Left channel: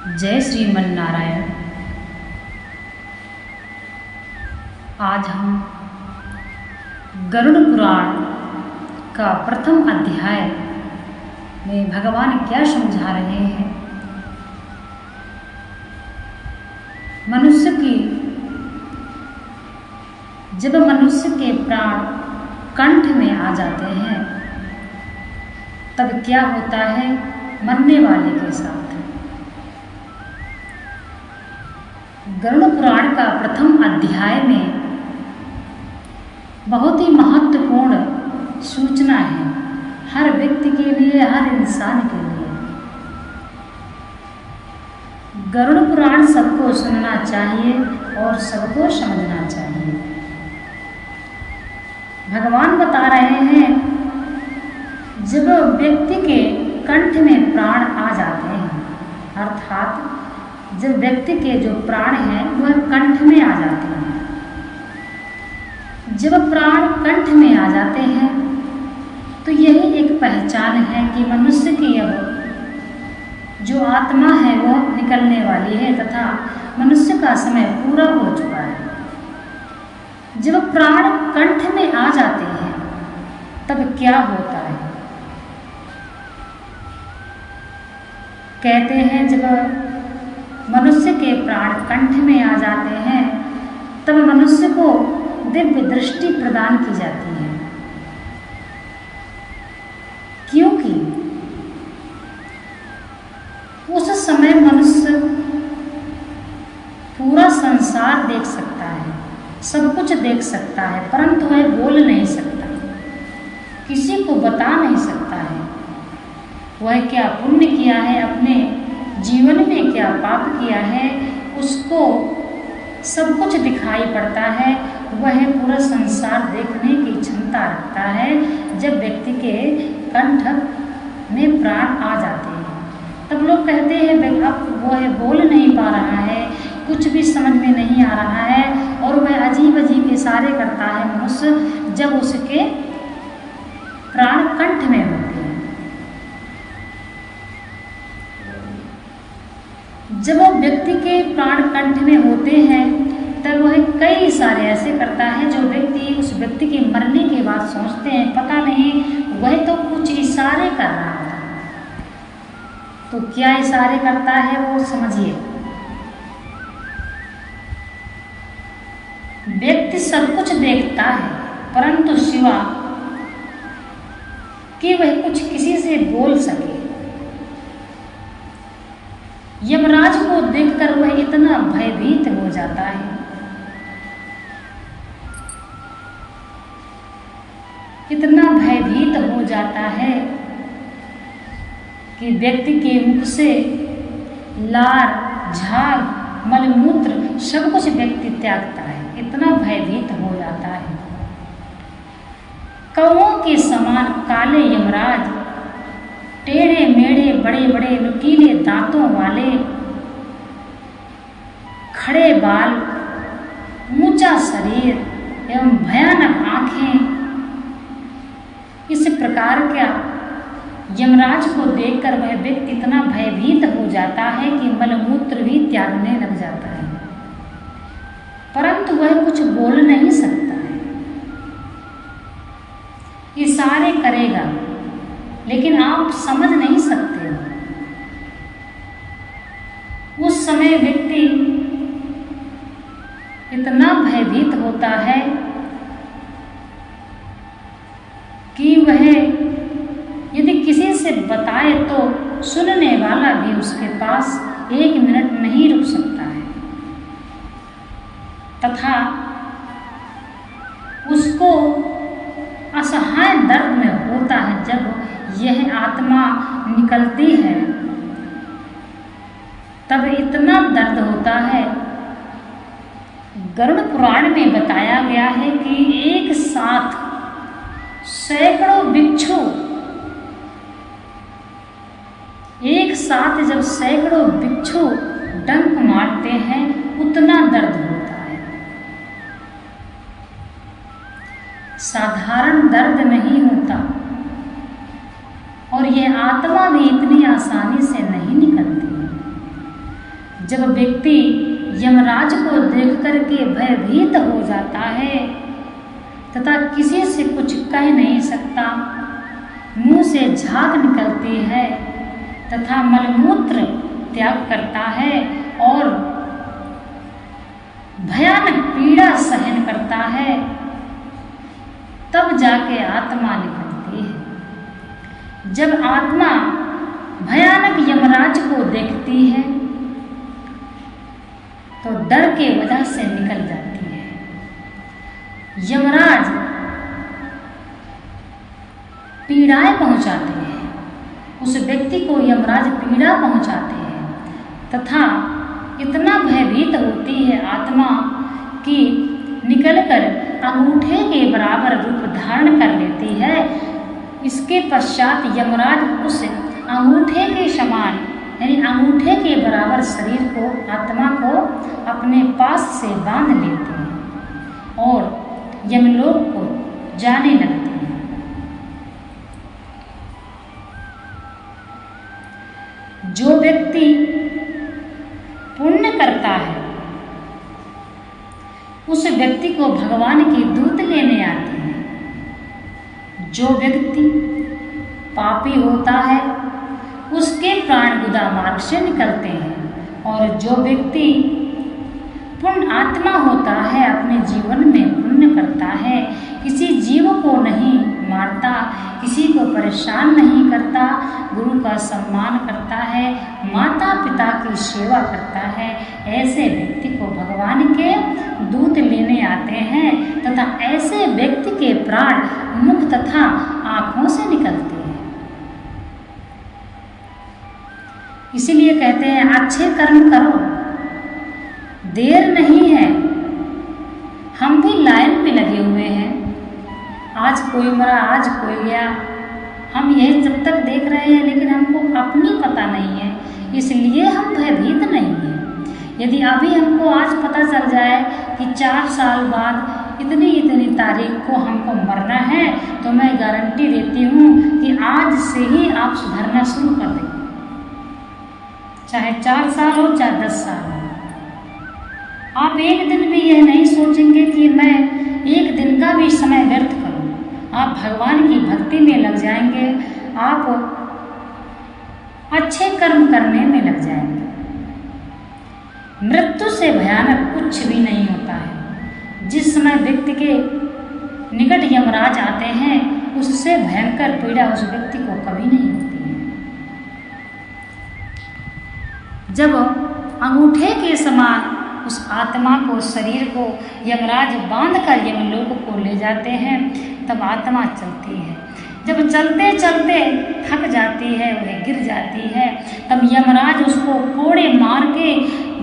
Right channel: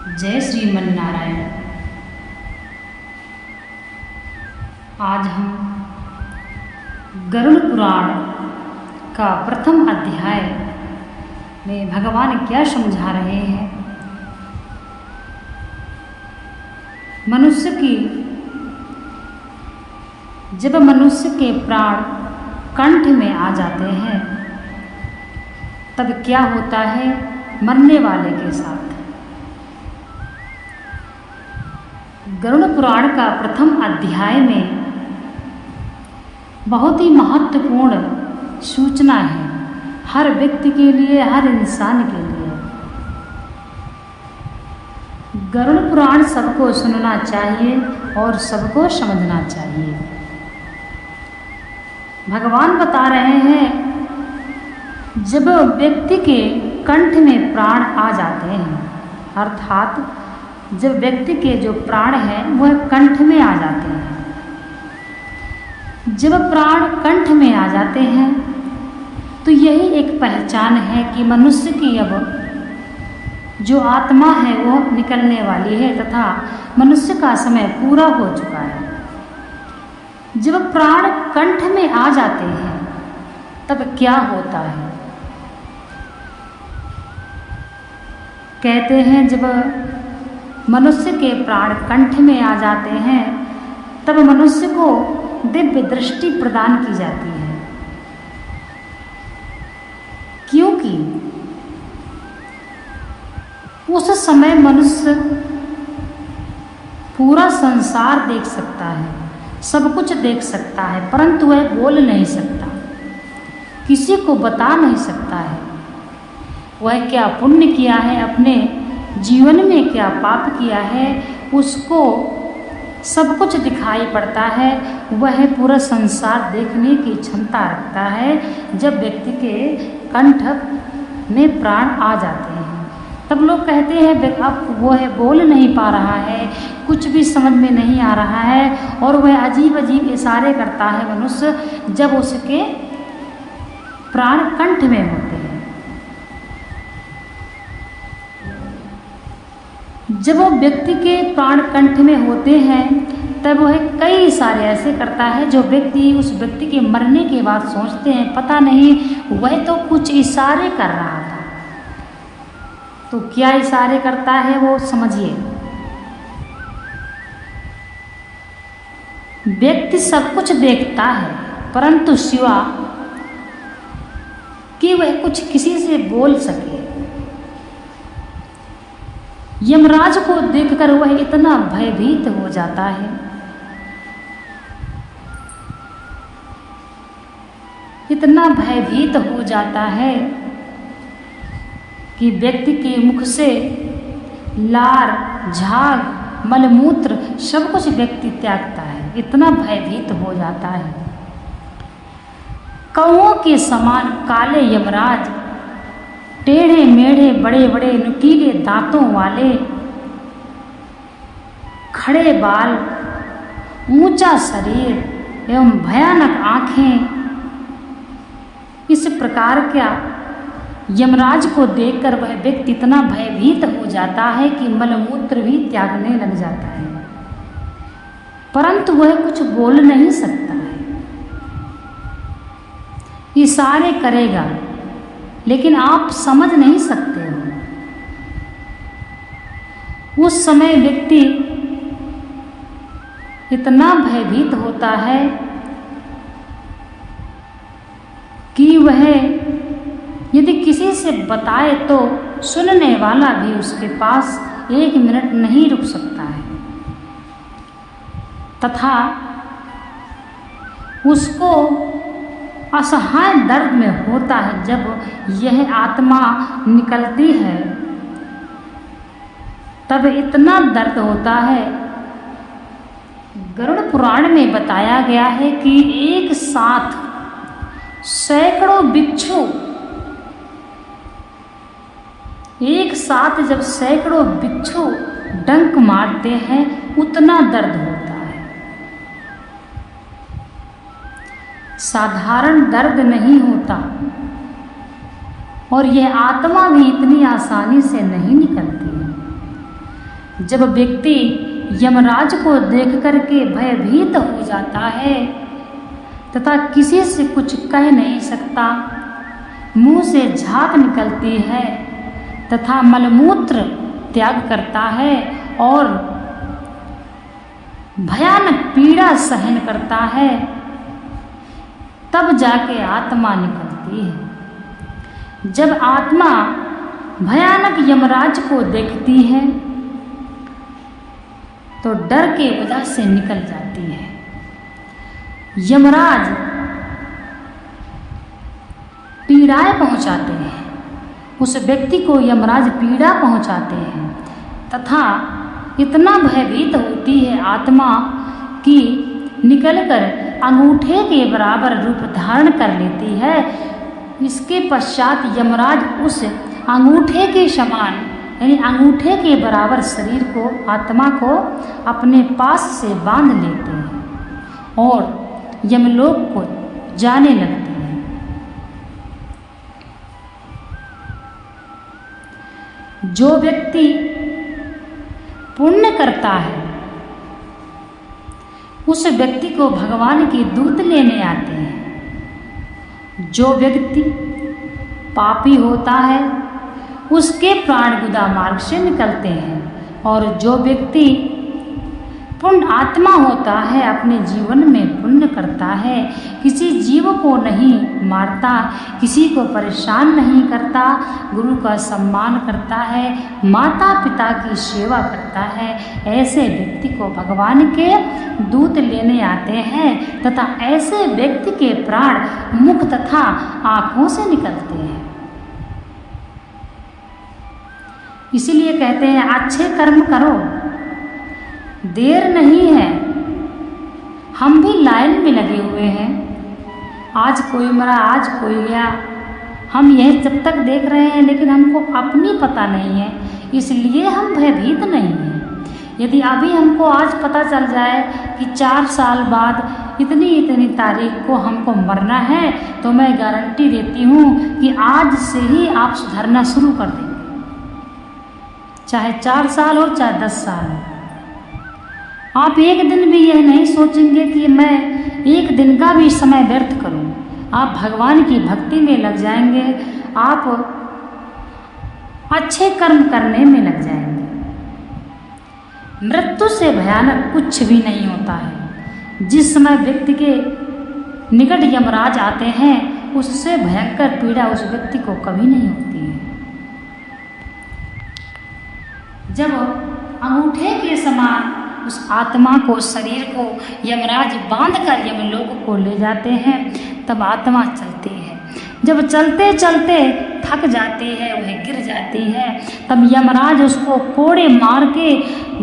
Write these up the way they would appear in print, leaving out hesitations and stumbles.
जय श्रीमन नारायण। आज हम गरुड़ पुराण का प्रथम अध्याय में भगवान क्या समझा रहे हैं। जब मनुष्य के प्राण कंठ में आ जाते हैं तब क्या होता है मरने वाले के साथ। गरुड़ पुराण का प्रथम अध्याय में बहुत ही महत्वपूर्ण सूचना है हर व्यक्ति के लिए, हर इंसान के लिए। गरुड़ पुराण सबको सुनना चाहिए और सबको समझना चाहिए। भगवान बता रहे हैं जब व्यक्ति के कंठ में प्राण आ जाते हैं, अर्थात जब व्यक्ति के जो प्राण हैं वह कंठ में आ जाते हैं। जब प्राण कंठ में आ जाते हैं तो यही एक पहचान है कि मनुष्य की अब जो आत्मा है वह निकलने वाली है तथा मनुष्य का समय पूरा हो चुका है। जब प्राण कंठ में आ जाते हैं तब क्या होता है। कहते हैं जब मनुष्य के प्राण कंठ में आ जाते हैं तब मनुष्य को दिव्य दृष्टि प्रदान की जाती है, क्योंकि उस समय मनुष्य पूरा संसार देख सकता है, सब कुछ देख सकता है, परंतु वह बोल नहीं सकता, किसी को बता नहीं सकता है वह क्या पुण्य किया है, अपने जीवन में क्या पाप किया है, उसको सब कुछ दिखाई पड़ता है। वह पूरा संसार देखने की क्षमता रखता है जब व्यक्ति के कंठ में प्राण आ जाते हैं। तब लोग कहते हैं अब वह बोल नहीं पा रहा है, कुछ भी समझ में नहीं आ रहा है और वह अजीब अजीब इशारे करता है मनुष्य जब उसके प्राण कंठ में होते हैं। जब व्यक्ति के प्राण कंठ में होते हैं तब वह कई इशारे ऐसे करता है जो व्यक्ति उस व्यक्ति के मरने के बाद सोचते हैं पता नहीं वह तो कुछ इशारे कर रहा था। तो क्या इशारे करता है वो समझिए। व्यक्ति सब कुछ देखता है परंतु सिवा कि वह कुछ किसी से बोल सके। यमराज को देखकर वह इतना भयभीत हो जाता है, इतना भयभीत हो जाता है कि व्यक्ति के मुख से लार, झाग, मलमूत्र सब कुछ व्यक्ति त्यागता है, इतना भयभीत हो जाता है। कौओं के समान काले यमराज, टेढ़े मेढ़े बड़े बड़े नुकीले दांतों वाले, खड़े बाल, ऊंचा शरीर एवं भयानक आंखें, इस प्रकार का यमराज को देखकर वह व्यक्ति इतना भयभीत हो जाता है कि मलमूत्र भी त्यागने लग जाता है, परंतु वह कुछ बोल नहीं सकता है। इशारे करेगा लेकिन आप समझ नहीं सकते हो। उस समय व्यक्ति इतना भयभीत होता है कि वह यदि किसी से बताए तो सुनने वाला भी उसके पास 1 मिनट नहीं रुक सकता है तथा उसको असहाय दर्द में होता है। जब यह आत्मा निकलती है तब इतना दर्द होता है। गरुड़ पुराण में बताया गया है कि एक साथ सैकड़ों बिच्छू, एक साथ जब सैकड़ों बिच्छू डंक मारते हैं उतना दर्द होता है। साधारण दर्द नहीं होता और यह आत्मा भी इतनी आसानी से नहीं निकलती है। जब व्यक्ति यमराज को देख करके भयभीत हो जाता है तथा किसी से कुछ कह नहीं सकता, मुंह से झाग निकलती है तथा मलमूत्र त्याग करता है और भयानक पीड़ा सहन करता है, तब जाके आत्मा निकलती है। जब आत्मा भयानक यमराज को देखती है तो डर के वजह से निकल जाती है। यमराज पीड़ाएं पहुंचाते हैं, उस व्यक्ति को यमराज पीड़ा पहुंचाते हैं तथा इतना भयभीत होती है आत्मा कि निकलकर अंगूठे के बराबर रूप धारण कर लेती है। इसके पश्चात यमराज उस अंगूठे के समान यानी अंगूठे के बराबर शरीर को, आत्मा को अपने पास से बांध लेते हैं और यमलोक को जाने लगते हैं। जो व्यक्ति पुण्य करता है उस व्यक्ति को भगवान के दूत लेने आते हैं। जो व्यक्ति पापी होता है उसके प्राण गुदा मार्ग से निकलते हैं और जो व्यक्ति पुण्य आत्मा होता है अपने जीवन में पुण्य करता है, किसी जीव को नहीं मारता, किसी को परेशान नहीं करता, गुरु का सम्मान करता है, माता पिता की सेवा करता है, ऐसे व्यक्ति को भगवान के दूत लेने आते हैं तथा ऐसे व्यक्ति के प्राण मुख तथा आँखों से निकलते हैं। इसीलिए कहते हैं अच्छे कर्म करो, देर नहीं है। हम भी लाइन में लगे हुए हैं, आज कोई मरा आज कोई गया, हम यह जब तक देख रहे हैं लेकिन हमको अपनी पता नहीं है, इसलिए हम भयभीत नहीं हैं। यदि अभी हमको आज पता चल जाए कि 4 साल बाद इतनी तारीख को हमको मरना है तो मैं गारंटी देती हूँ कि आज से ही आप सुधरना शुरू कर दें, चाहे 4 साल हो चाहे 10 साल हो। आप एक दिन भी यह नहीं सोचेंगे कि मैं एक दिन का भी समय व्यर्थ करूं। आप भगवान की भक्ति में लग जाएंगे, आप अच्छे कर्म करने में लग जाएंगे। मृत्यु से भयानक कुछ भी नहीं होता है। जिस समय व्यक्ति के निकट यमराज आते हैं उससे भयंकर पीड़ा उस व्यक्ति को कभी नहीं होती है। जब अंगूठे के समान उस आत्मा को, शरीर को यमराज बांधकर यमलोक को ले जाते हैं तब आत्मा चलती है। जब चलते चलते थक जाती है, वह गिर जाती है, तब यमराज उसको कोड़े मार के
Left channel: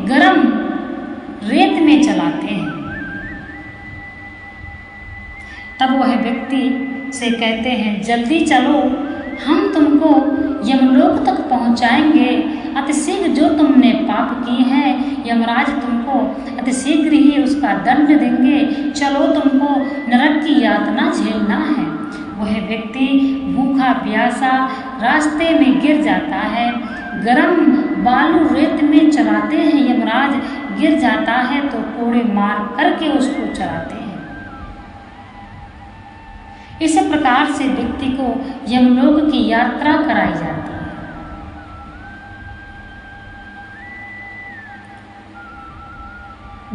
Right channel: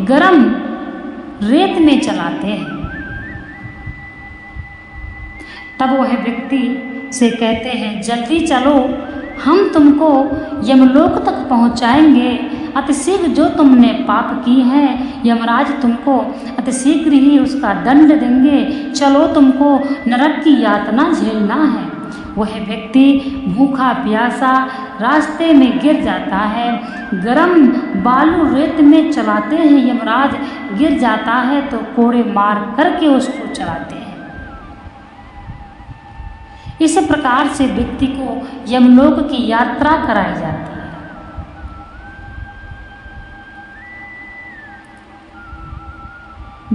गरम रेत में चलाते हैं। तब वह व्यक्ति से कहते हैं जल्दी चलो, हम तुमको यमलोक तक पहुंचाएंगे। अतिशीघ्र जो तुमने पाप की हैं यमराज तुमको अतिशीघ्र ही उसका दंड देंगे, चलो तुमको नरक की यातना झेलना है। वह व्यक्ति भूखा प्यासा रास्ते में गिर जाता है, गरम बालू रेत में चलाते हैं, यमराज गिर जाता है तो कोड़े मार करके उसको चलाते हैं। इस प्रकार से व्यक्ति को यमलोक की यात्रा कराई जाती है।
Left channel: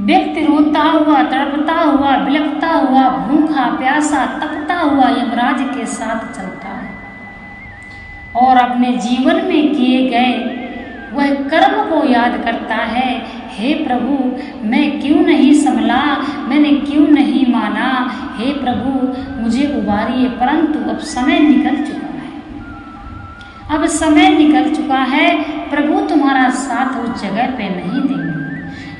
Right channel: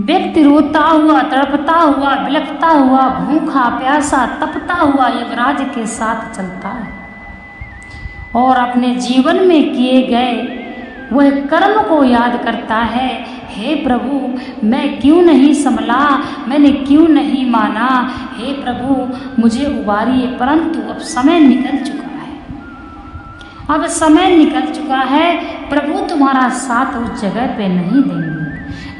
व्यक्ति रोता हुआ, तड़पता हुआ, बिलखता हुआ, भूखा प्यासा, तपता हुआ यमराज के साथ चलता है और अपने जीवन में किए गए वह कर्म को याद करता है। हे प्रभु, मैं क्यों नहीं संभला, मैंने क्यों नहीं माना, हे प्रभु मुझे उबारिए। परंतु अब समय निकल चुका है, अब समय निकल चुका है, प्रभु तुम्हारा साथ उस जगह पे नहीं देंगे।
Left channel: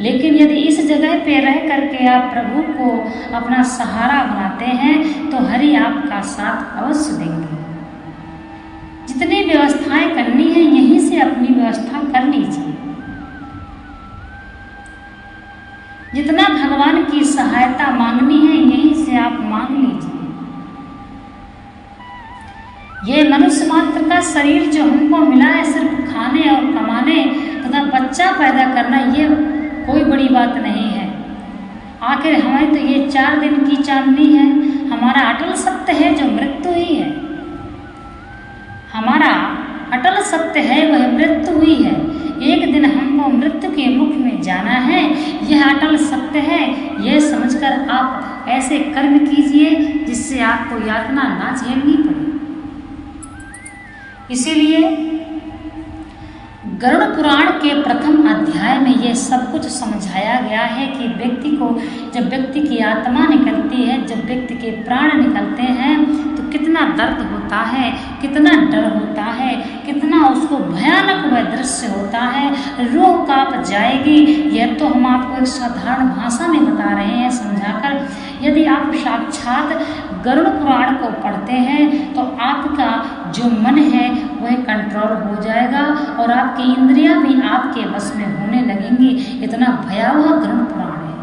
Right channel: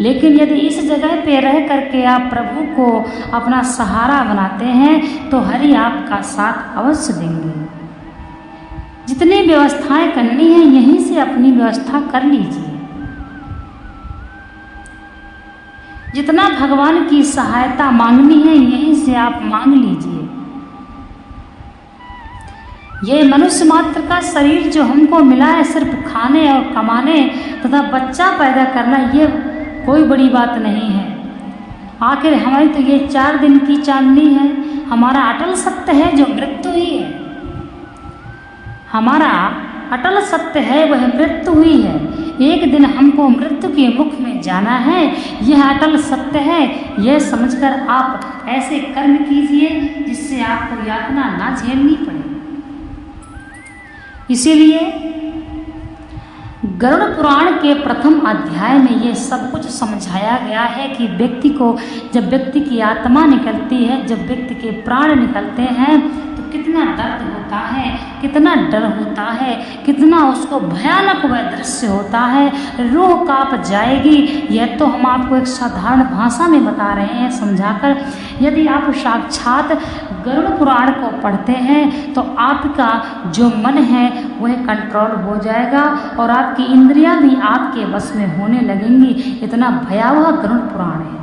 लेकिन यदि इस जगह पे रह करके आप प्रभु को अपना सहारा बनाते हैं तो हरि आपका साथ अवश्य देंगे। जितनी व्यवस्थाएं करनी है यहीं से अपनी व्यवस्था कर लीजिए। जितना भगवान की सहायता मांगनी है यहीं से आप मांग लीजिए। ये मनुष्य मात्र का शरीर जो हमको मिला है सिर्फ खाने और कमाने तथा बच्चा पैदा करना ये कोई बड़ी बात नहीं है। आखिर हमारी तो ये 4 दिन की चांदनी है। हमारा अटल सत्य है जो मृत्यु ही है। हमारा अटल सत्य है वह मृत्यु हुई है। एक दिन हमको मृत्यु के मुख में जाना है, यह अटल सत्य है। यह समझकर आप ऐसे कर्म कीजिए जिससे आपको यातना ना झेलनी पड़े। इसीलिए गरुड़ पुराण के प्रथम अध्याय में ये सब कुछ समझाया गया है कि व्यक्ति को, जब व्यक्ति की आत्मा निकलती है, जब व्यक्ति के प्राण निकलते हैं तो कितना दर्द होता है, कितना डर होता है, कितना उसको भयानक वह दृश्य होता है, रूह कांप जाएगी। यह तो हम आपको एक साधारण भाषा में बता रहे हैं समझाकर। यदि आप साक्षात गरुड़ पुराण को पढ़ते हैं तो आपका जो मन है वह कंट्रोल हो जाएगा और आपकी इंद्रियां भी आपके बस में होने लगेंगी। इतना भयावह गरुड़ पुराण है।